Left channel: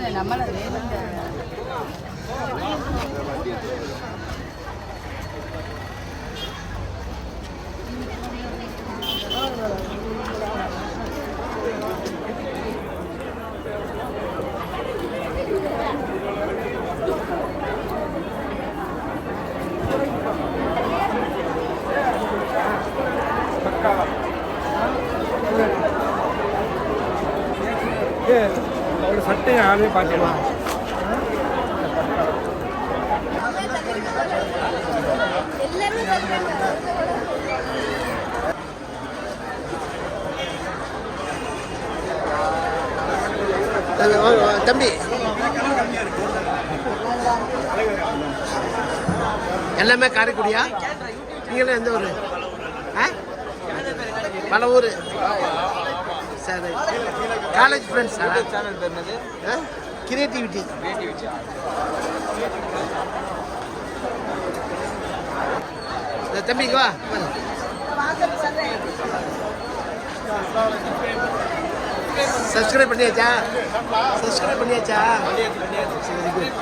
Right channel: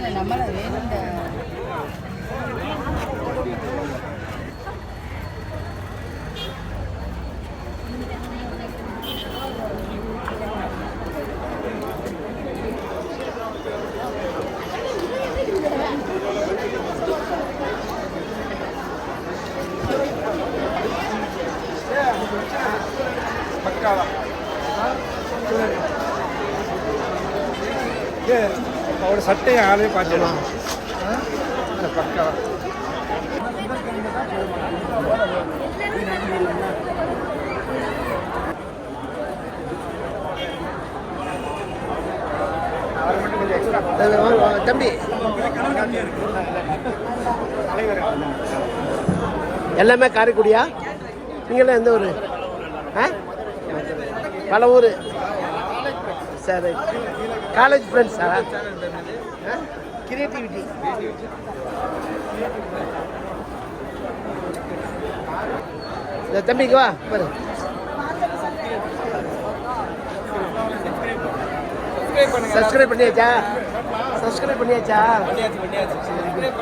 இல்லை நம்மள வேணுங்க பக்காவா ஏ அவரோட சட்டையை ஆளே இந்த பக்காவா தம்பி. எல்லாமே காரைக்குடியா? நீங்களாம் எந்த ஊர்? ஆ? பல ஊர். சரி. காலேஜ் ஃப்ரெண்ட்ஸா ஆ? கிரியேட்டிவிட்டி இந்த தம்பிக்கு வா பாரு. சப்ஸ்கிரைப் பண்ணியாச்சா? சப்ஸ்கிரைப் பண்ணியாச்சா? சரி good.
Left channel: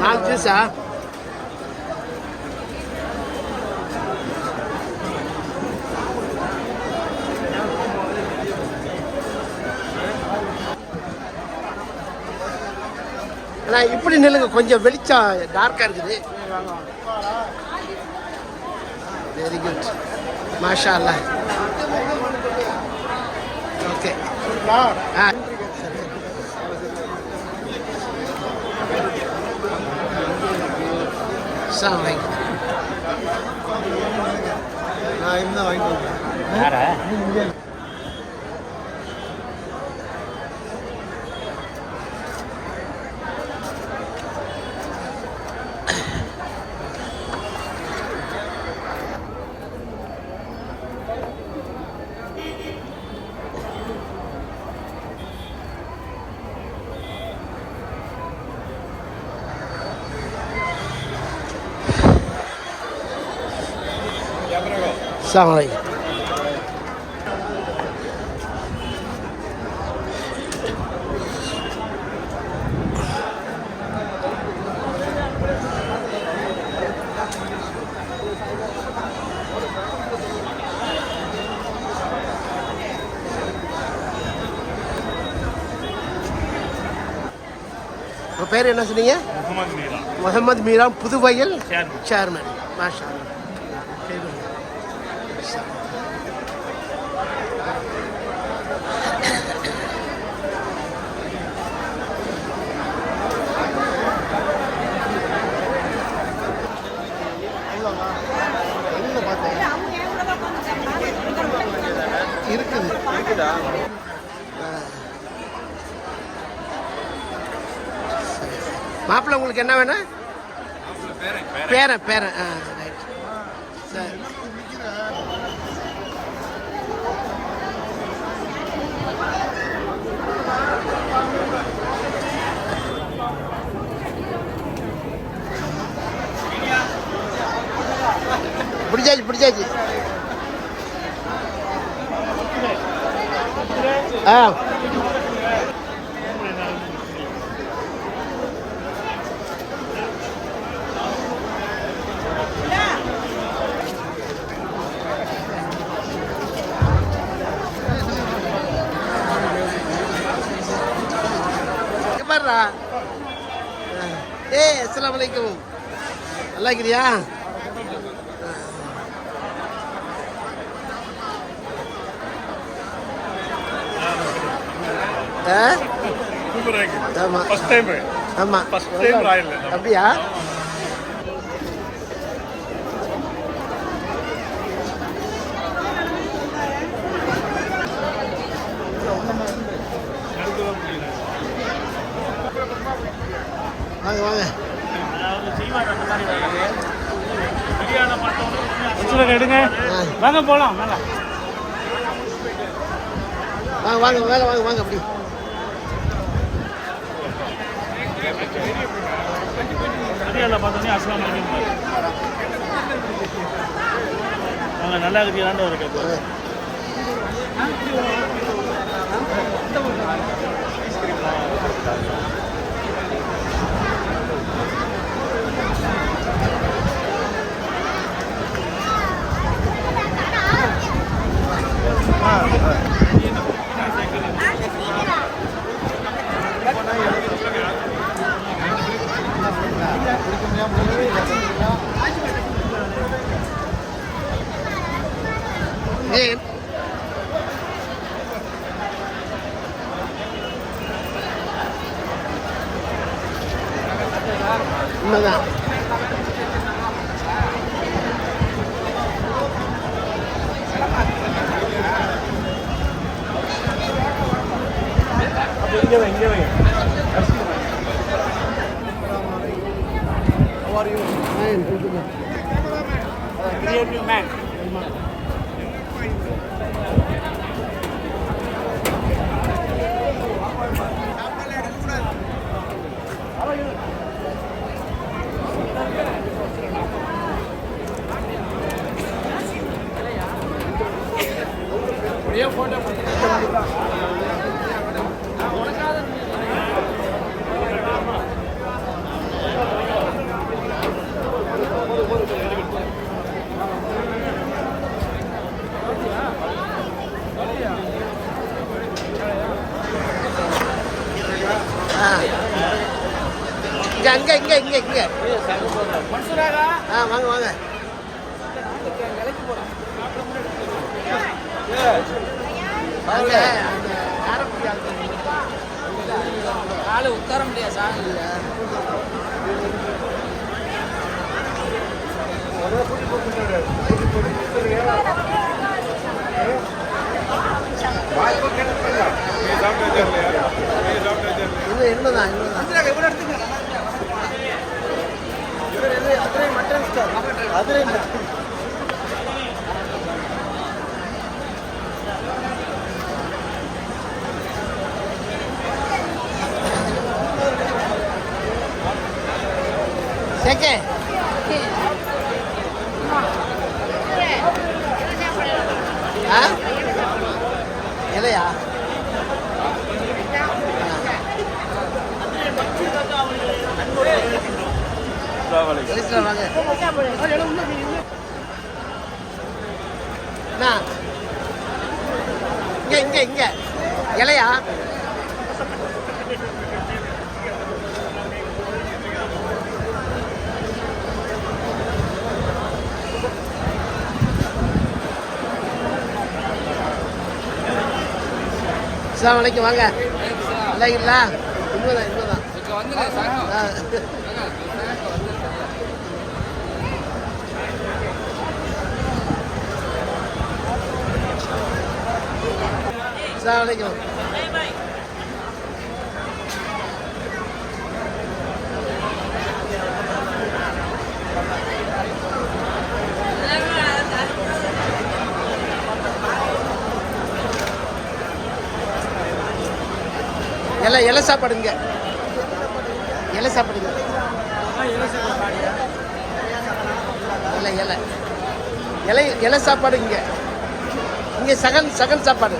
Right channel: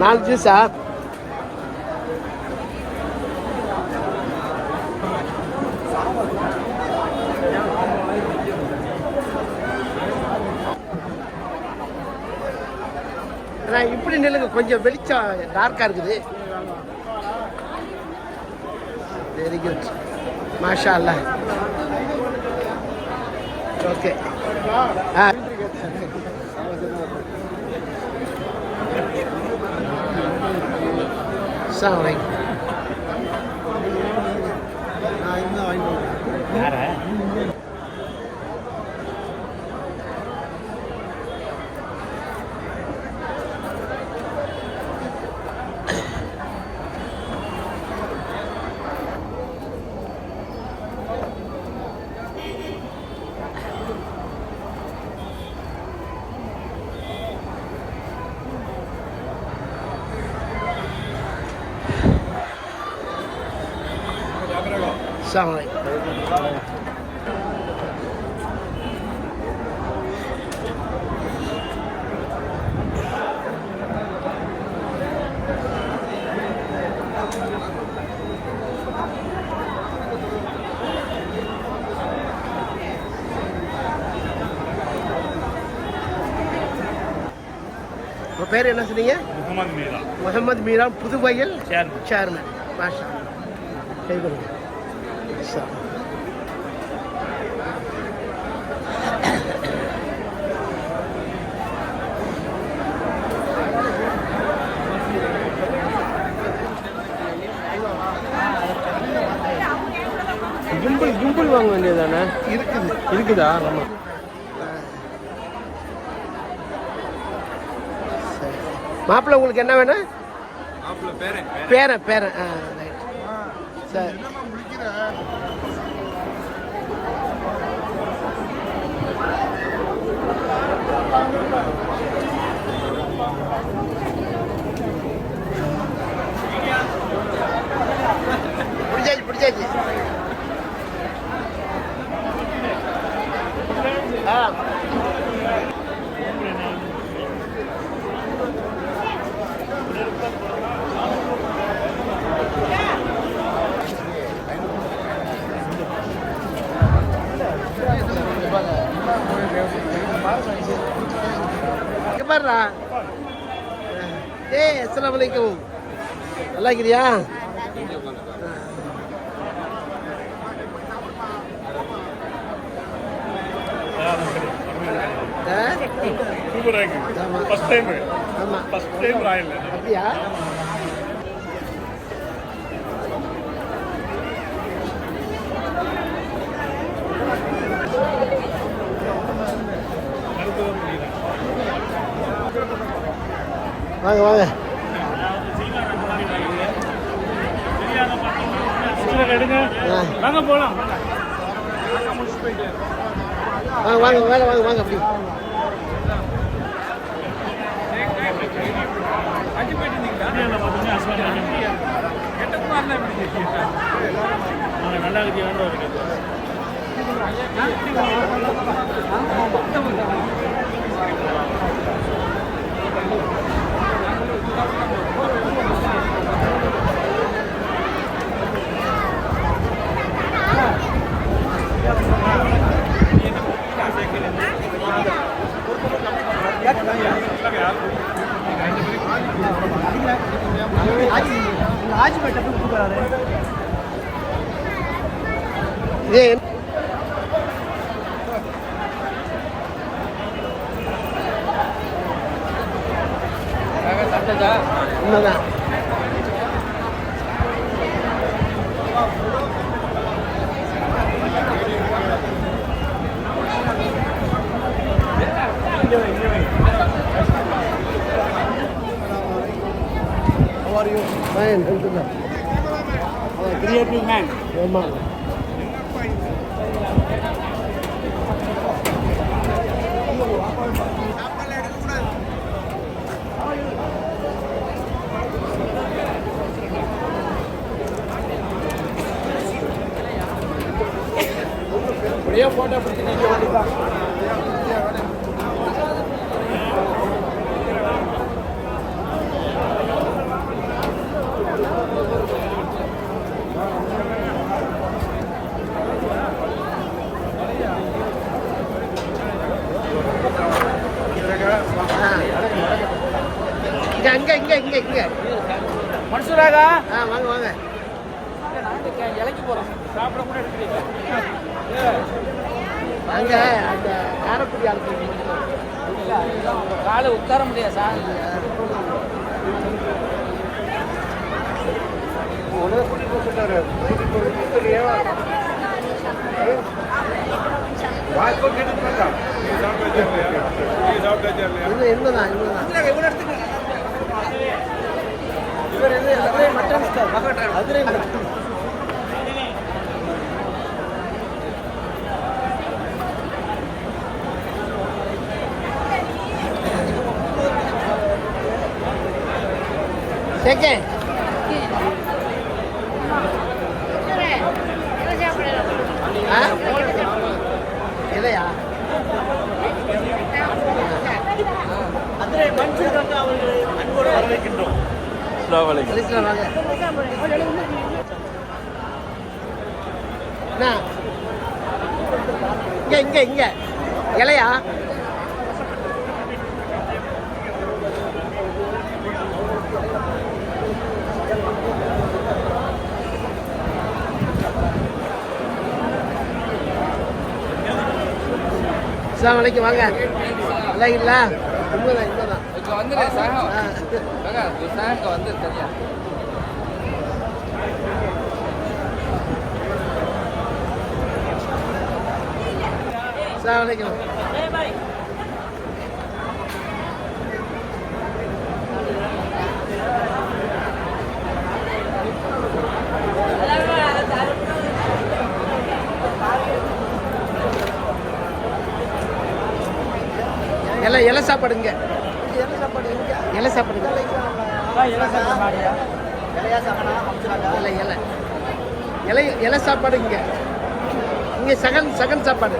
நாலு ஜூஸா அண்ணா இப்படி நில்லுங்க. கொஞ்சம் வெளிச்சம் டார்க்காக இருக்குது. very good. Mashallah. Okay. Ah. sounding அஸ்ஸலாமு அலைக்கும் உங்கள் பேர் என்ன சொன்னீங்க முகமது மீரா முகமது மீரா புதுவையில் சேர்மன் சேர்மன் மாஷா அல்லா கை கொடுங்க வேண்டியதானே இருக்குது இருக்குதா மாப்பிள்ளை உங்களுக்கு என்ன வேணும்? பேரன். பேரன் பேரன். ஆ ரைட் சரி. பிடிச்சாச்சு பிடிச்சாச்சு. ஆ. இங்க பாருடா. ஏய் அஸ்ஸலாமு அலைக்கும். நல்லா இருக்கிறியா? ஆ? சூப்பராக இருக்குது ஆமா ஃபர்ஸ்ட் டைம் ஆமா ஃபர்ஸ்ட் டைம் ராயல் அப்படியா அடுத்ததான் முடியல வாங்க வாங்க செய்வாங்க அந்த மாதிரி வேலை பிரியாணி எடுங்க ஆ வாங்க போலாம் வாங்க வாங்க வாங்க வாங்க வாங்க அப்படி. வாங்க நல்லா இருக்கு enjoy, enjoy. How are you? Fine, thank you. Creative man. Your வாங்க அங்க அந்த காரக்குடி ஆளுக்கு மட்டும் உட்கார முடியாது இல்லையா? இன்னும் இன்னும்தான் இன்னும்தான். இவர் இது Adirai mutton star Adirai mutton Take it. இங்க இங்க இங்க. இலையா? அஸ்ஸலாமு அலைக்கும் வாங்க. நல்லா இல்லா உண்மைதான் உண்மைதான் இங்க வந்துடு இலை இலை சாப்பாடுங்க. இலை சாப்பாடுங்க. இலை இலை இலை இலை சாப்பாடு இங்கே சகன் சகன் சாப்பாடு.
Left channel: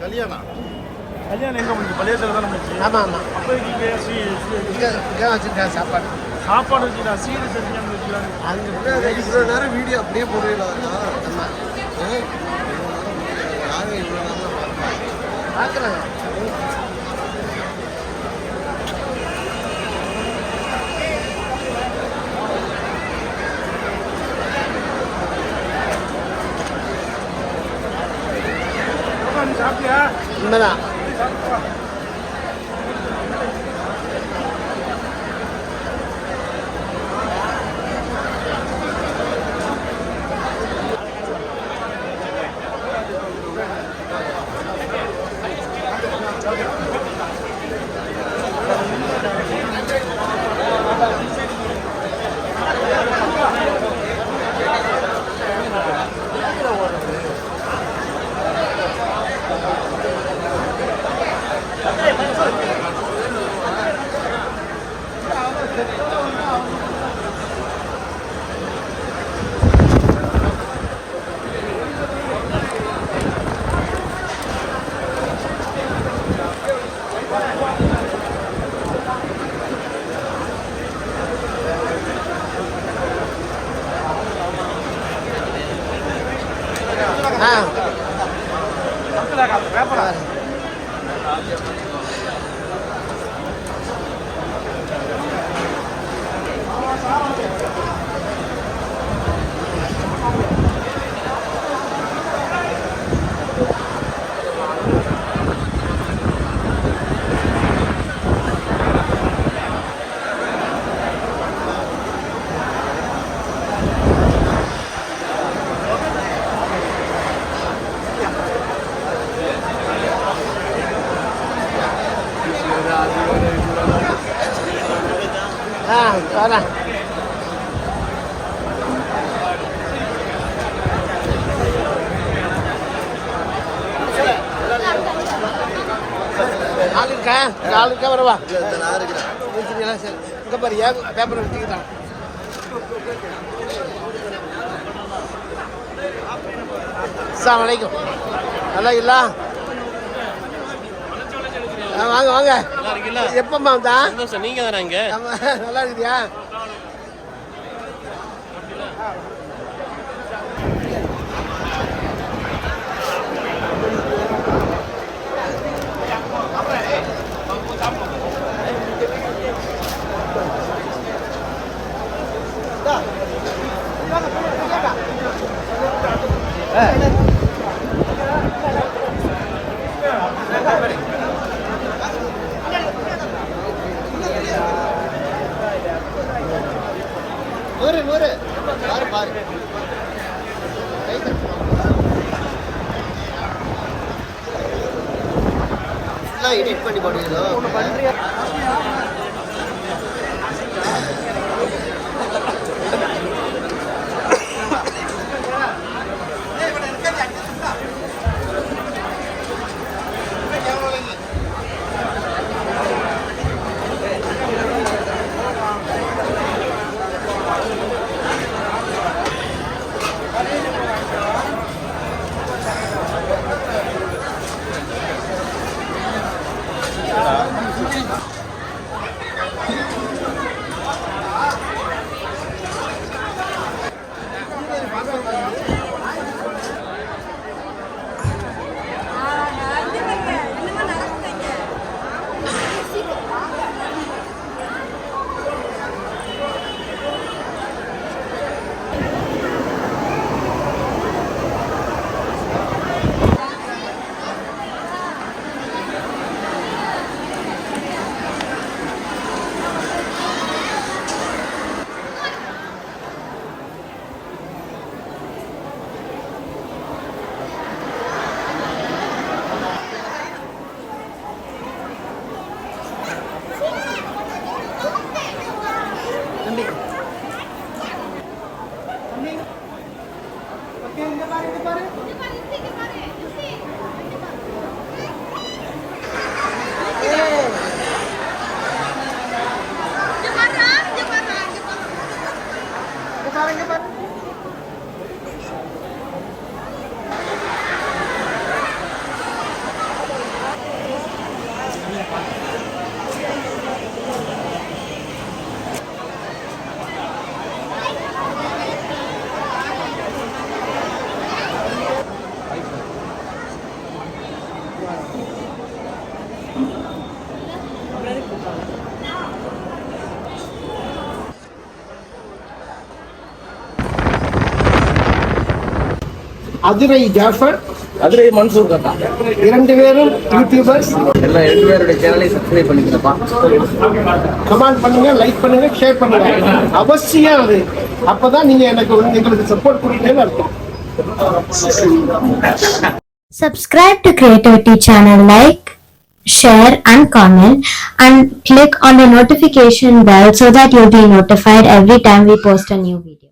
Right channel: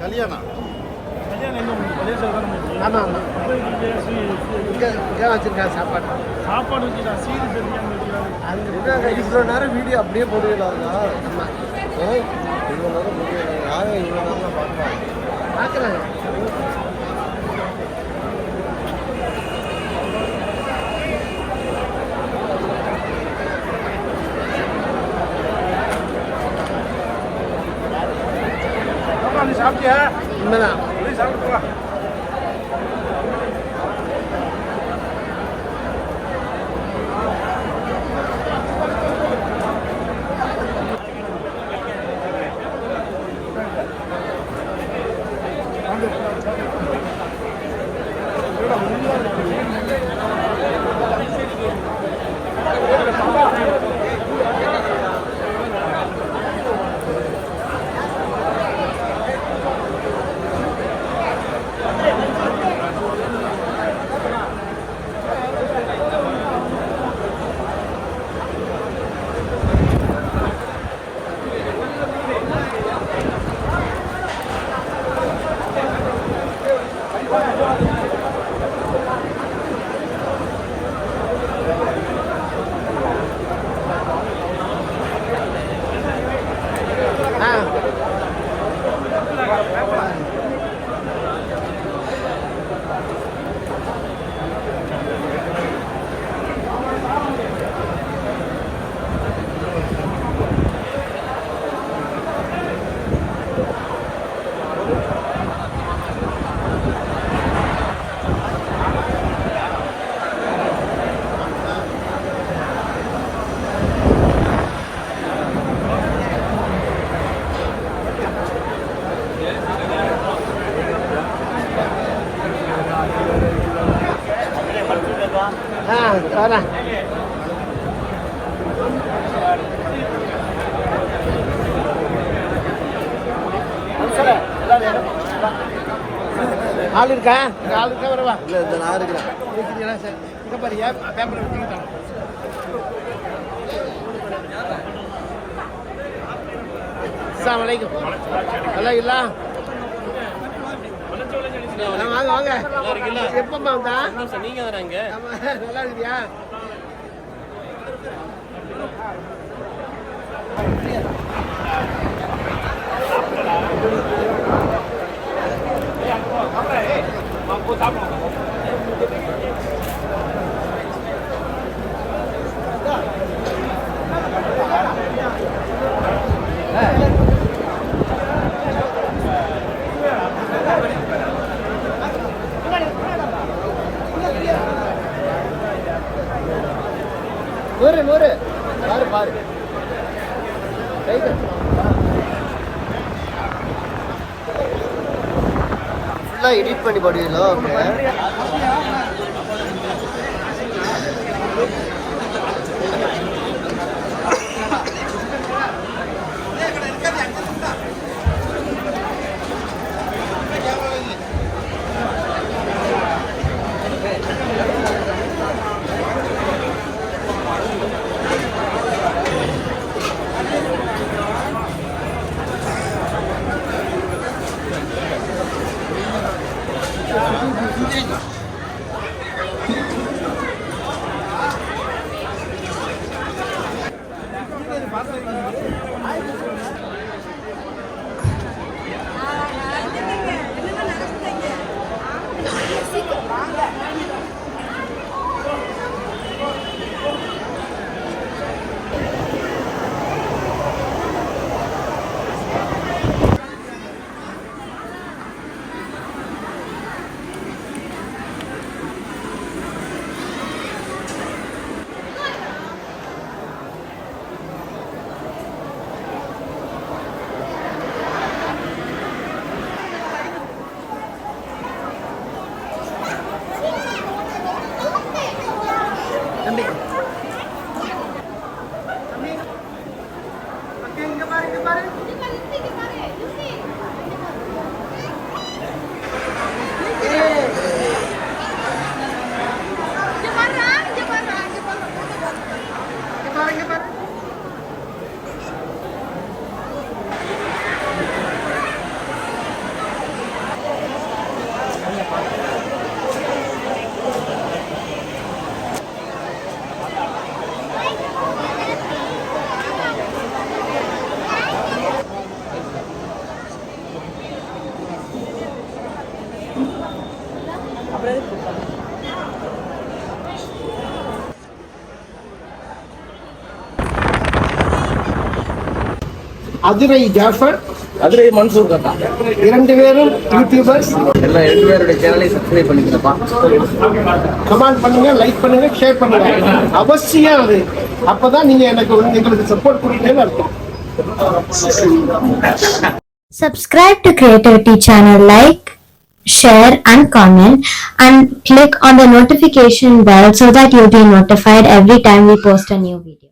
கல்யாணம் கல்யாணம் எங்க முடிஞ்சு பழைய தான் முடிஞ்சு ஆமா ஆமா அப்போ இங்கே இங்க இங்க வச்சிருக்காங்க சாப்பாடு சாப்பாடு வச்சுட்டா சீடு செஞ்சு அங்க இவ்வளோ நேரம் வீடியோ அப்படியே போடுவீங்களா ஆமா இவ்வளோ நேரம் போடுவீங்களா யாரும் இவ்வளோ நேரம் பார்ப்பா? பாக்குறாங்க சாப்பிட்டியா? உண்மைதான் ஆ வரேன் ஆள் இருக்கா? இங்க ஆள் இருக்கா? வரவா? வச்சுக்கலாம் சார். இங்கே பாரு ஏன் பேப்பரை வச்சுக்கிட்டான் அஸ்ஸலாமு அலைக்கும். நல்லா இல்லா வாங்க வாங்க. எப்பம்மா வந்தா? நீங்க வராங்க? நல்லா இருக்குதியா நூறு. நூறு பாரு. பாரு ஃபுல்லாக எடிட் பண்ணி போடுவீங்களோ? அதிரை ஜாஃபர். மதுரை மன்சூர் கட்டா. இரண்டு பேரும் யூடியூபர்ஸ் எல்லாம் ரெண்டு பேருடைய சேனலை சப்ஸ்கிரைப் பண்ணிக்கிறப்பா. கமெண்ட் பண்ணுங்க லைக் பண்ணுங்க ஷேர் பண்ணுங்க. அவசியம் அது. அப்பதான் நீங்க எனக்கு எங்களுக்கு சப்போர்ட் கொடுக்கணும்னு அர்த்தம். Subscribe to Creativity channel, like, share and comment and click on the notification bell so that you'll be notified every time we post a new video.